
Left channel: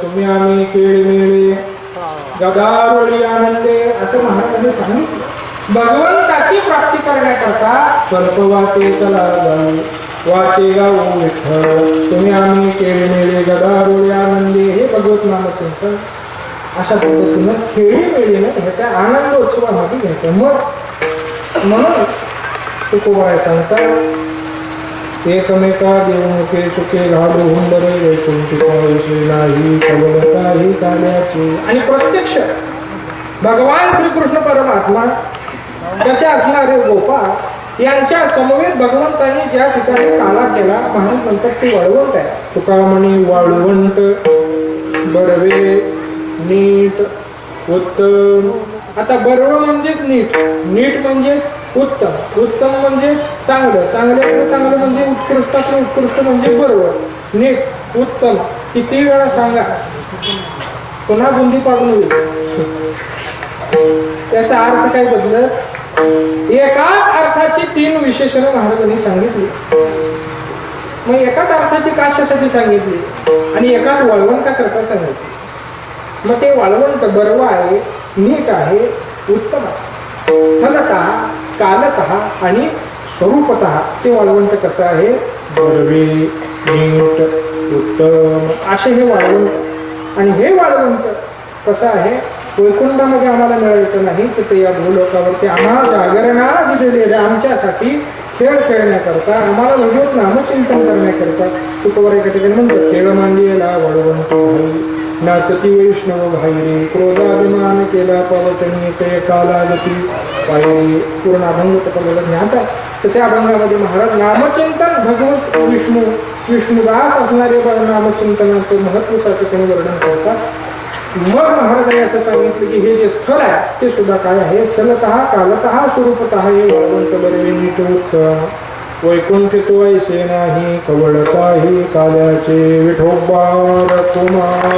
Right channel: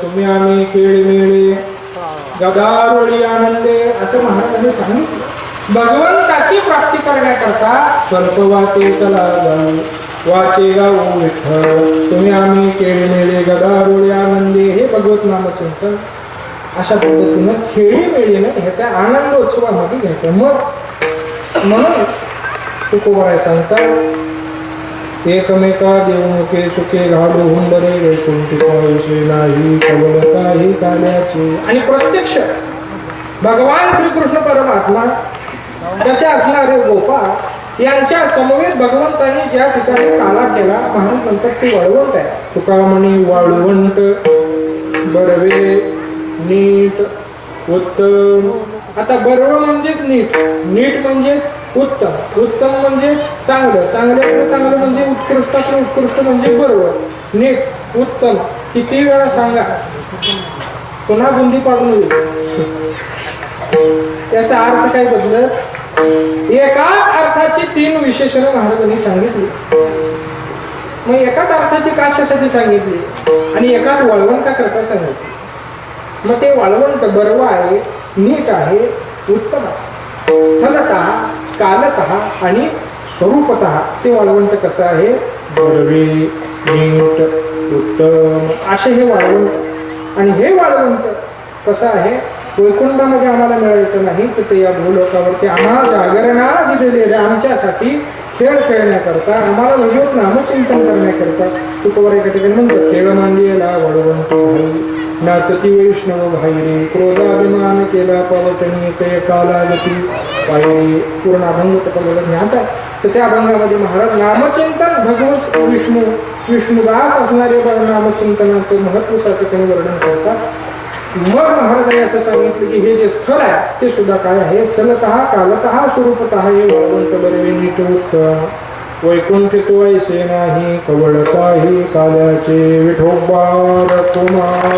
तुम्ही आम्ही खेळ मिळे गदारोळी आनंदे असं महाराजांनी सांगितलं. भगवंताची प्राप्ती करण्याकरता स्वल्प वाटे चला जाऊ, वाचे गाऊ विठ्ठल. तुम्ही आम्ही खेळ मिळे गदारोळी आनंदे हे भगवत नामचिंतन अशा पद्धतीनं खेळी मिळीने ह्याच्या आनंदोत्सवामध्ये घ्यायचं. मग म्हणून तुकोबाराय सांगतात एकमेका देवमुखे सुखे घालू हुंबरे वैकुंठित्वायशे नाही कवल काही काल्याचे. आणि प्रत्यक्ष भगवान श्रीकृष्ण परमात्मा त्याचे असणारे गोपाळ यांच्या समवेत भगवंतांनी ज्या ठिकाणी काला केला महाराज म्हणतात ते वाळवंट आहे. तुका म्हणी वाळवंट बडवे नीट उत्तम. आता बरोबर म्हणजेच नीट, नीट म्हणजे उत्तम, उत्तम म्हणजे चांगलं, चांगल्याकडे चांगलं म्हणजे उत्कृष्टातलं उत्कृष्ट म्हणजे बरोबर. नीट उत्तम किती वेळा सांगा पुन्हा बुंदी पाडून होईल. याचा अर्थ काय बदलत. एकाच अर्थाची 3 विशेषणं महाराजांनी सांगितली. मग एकाच अर्थाची कशासाठी सांगितली आणि एकाच वळवंटा करता सांगितली. मग ते वळवंट बरोबर आहे, नीट आहे, उत्तम आहे. स्थलतः कालतः आणि स्वरूपतः ते वाळवंट कसं आहे बरवे नीट उत्तम असे हे वाळवंट. आणि हे वाळवंट कसं आहे वैकुंठामध्ये आम्हाला मिळायचं नाही तर ते या भूलोकावरती आम्हाला जागरणा दिलेले आमच्यासाठी खेळ खेळण्याकरता आम्हाला भगवत नामचिंतन करण्याकरता तुकोवर एका ठिकाणी म्हणतात खेळ मांडलेला वडवंत नाचती वैष्णव भाईरे क्रोधाभिमान केला पावटणी ते कालागती पायरी पूर्ण अभंग तत्वला ज्ञात आहे तर त्या अभंगामध्ये महाराज नामचिंतन भगवत विष्णुदास असणारे नामचिंतनाचं महत्वाचं त्यांनी वर्णन करतात मग महाराजांनी असं सांगितलं की हे जे स्थळ आहे ते सुद्धा काय आहे स्थलतः कालतः स्वरूपतः हे वळवंत बरे नीट वैकुंठ तो ऐसे नाही कवळ काही काल्याचे विठोबार कुमार